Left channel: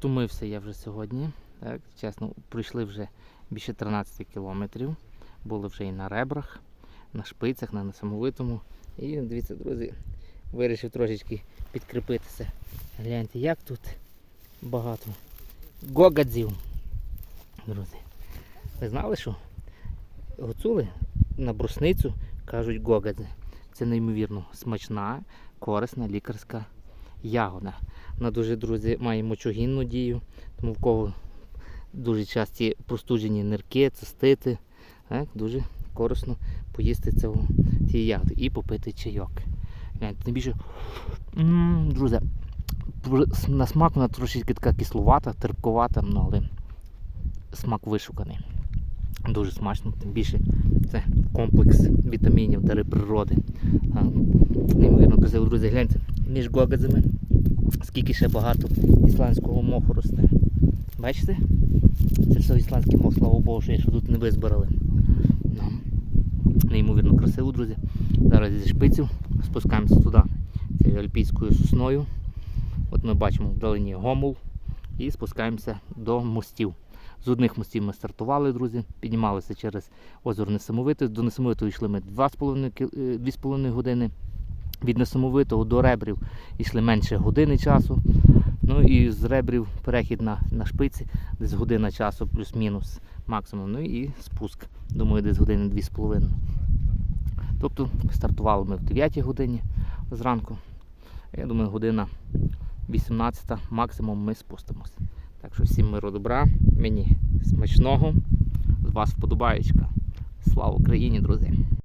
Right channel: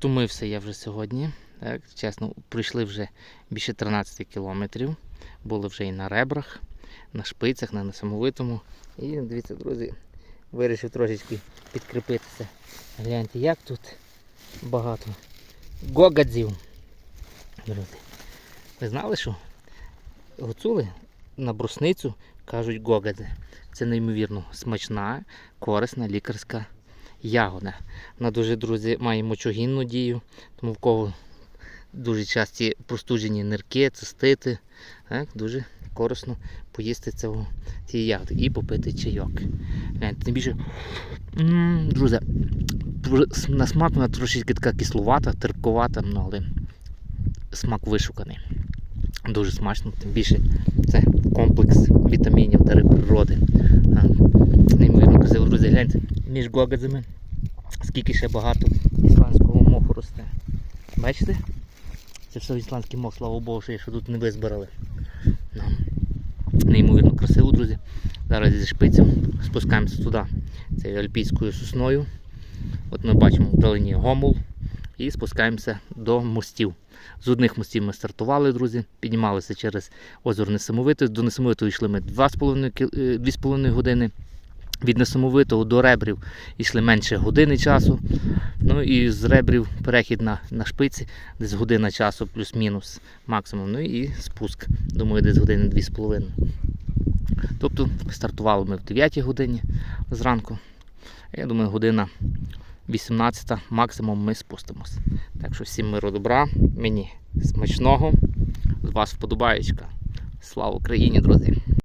Втомився я вже сьогодні. Так, чесно, пройшли вже більше 13 кілометрів. Були вже і на ребрах, на шпицях, на несамовитому. І дивіться, друзі, вирішив трошечки підкріпитися. Гляньте, як тут багато гогадзів. Друзі, ви знали, що гуцули на брусницю кажуть гогадзи. Це неймовірно смачна, корисна лікарська ягода. Вона дуже, друзі, має мочогінну дію, тому в кого дуже часті простуджені нирки, цистити, так, дуже корисно поїсти цього, цієї ягоди і попити чайок. Тим більше, друзі, на смак вона трошечки така кисловата, терпковата, ну, але смак вишуканий. Дуже смачно, тим більше це комплекс вітамінів дари природи. Друзі, гляньте, між гогадзами, скільки ще багато ісландського моху росте. Бачите? Це все ісландський мох, слава Богу, що, ще тут не визбирали. Ну, неймовірно красиво, друзі. Зараз зі шпиців спускаємося туди. Цією альпійською сосною. От ми бачимо вдалині гомул і спускаємося до мостів. З одних мостів ми стартували, друзі, піднімалися через озеро Несамовите. До Несамовитого йшли ми 2,5 кі- е, 2,5 години. Від Несамовитого до ребрів йшли менше години часу. Ну і з ребрів перехід на, на шпиці, десь година часу, плюс-мінус максимум. Ну і спуск, думаю, десь години 2,5. Тобто стартували ми в 9 годині зранку. Я думаю, година 18 максимум ми спустимось. Так що всім миру добра, мені смачного, з вас вподобаєчка. Слава Україні, друзі!